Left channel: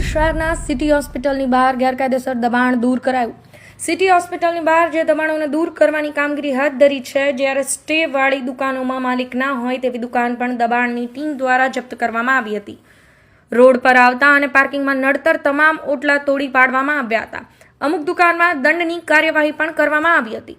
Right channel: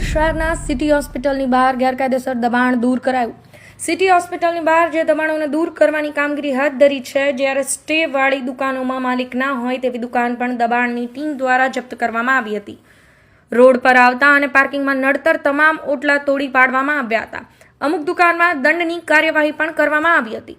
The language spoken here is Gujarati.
ભાવનગર શહેરના સિટી હોસ્પિટલની બહાર ગેરકાયદેસર દબાણ દૂર કરાયું। સિટી હોસ્પિટલની બહાર જે દબાણોને દૂર કરવાની કામગીરી હાથ ધરી છે, જ્યારે સ્ટેવાળી દુકાનોમાં માલિક ના હોય તેવી દુકાન પણ દબાણની ટીમ દ્વારા જપ્ત કરવામાં આવી હતી। રોડ પર આવતા અને પાર્કિંગમાં નડતર તમામ ઓટલા તોડી પાડવામાં આવ્યા હતા। અમુક દુકાનમાં દંડની કાર્યવાહી પણ કરવામાં આવી હતી।